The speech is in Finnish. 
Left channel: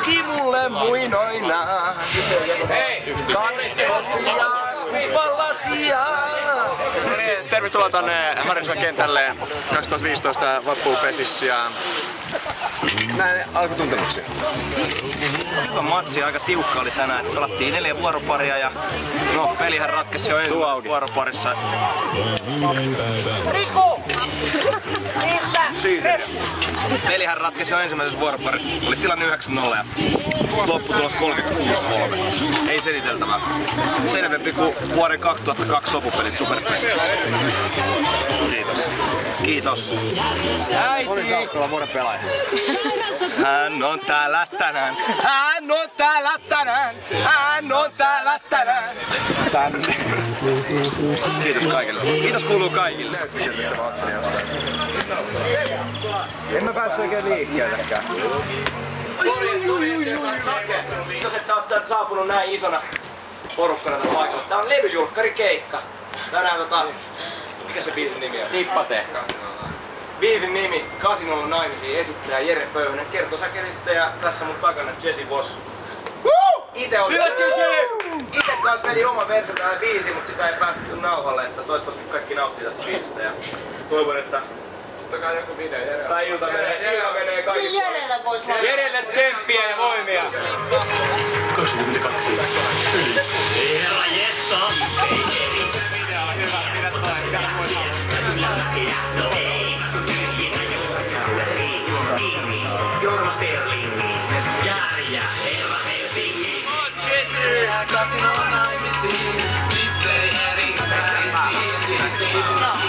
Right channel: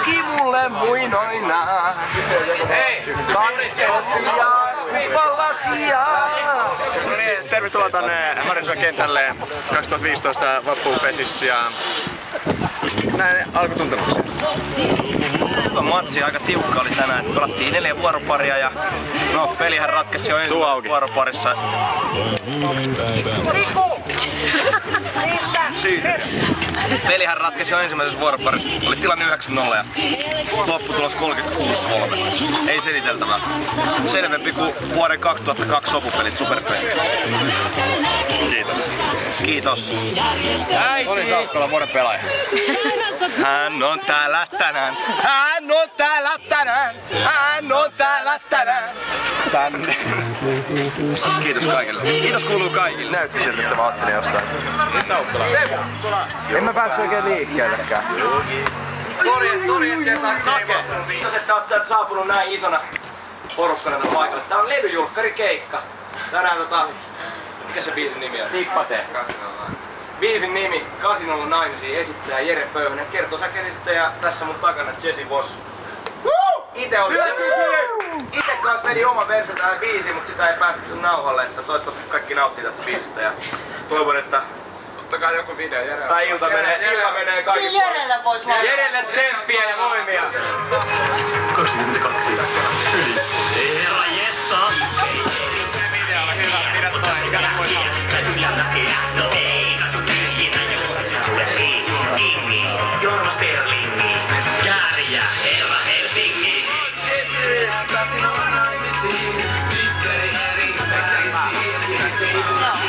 luki mulle muinoinaan. Hei! 2 koppia skuppalasia. Tervetuloa tonne Harjaniemen kentälle 2015 Vappu-Pesissä ja näin alkutuntemuksia. Hyvä matsi, aika tiukka oli tänään. Pelattiin 4 vuoroparia ja no pelihän ratkesi jo ensimmäisessä vuoroparissa. Riku! Siitä. Pelihän ratkesi jo ensimmäisessä vuoroparissa. Oli tilanne 9-0 ja lopputulos 36-3. Ei seliteltävää. Selvempi kuin vuoden 2002 sopupelit Superpelissä. Kiitos. Kiitos. Oli Saukkola vuoden pelaaja. Hän on täällä tänään. Hän on täällä tänään. Hän on täällä tänään. Tänne. Kiitos kaikille. Kiitos kuuluu kaikille. Näytti siltä, että mä ajattelin jostain. En mä päässyt oikein liikkeellekään. Kiitos, että oot saapunut näin isona porukkana tätä paikalle. Tää on levyjulkkarikeikka. Tänään mikä se biisin nimi on? Nippate. Biisin nimi, Kasinolla naimisiin, esittäjä Jere Pöyhönen, kertosäkelistä ja tässä mun takana Jesse Voss. Ite kans vedin oman version tähän biisiin, mutta sitä ei päästy nauhalle, että toivottavasti kaikki nauttii tästä biisistä ja toivon, että ottakaa joku video Jere. Tai ilta menee kaikki. Niin Jerelle vois laittaa. Jerelle tsemppiä ja voimia. 22. Herra Jessa! Jorma Sterlingi, Kääriä, herra Helsingi. Kasinolla naimisiin, tyttöi eri Jorma Sterlingi.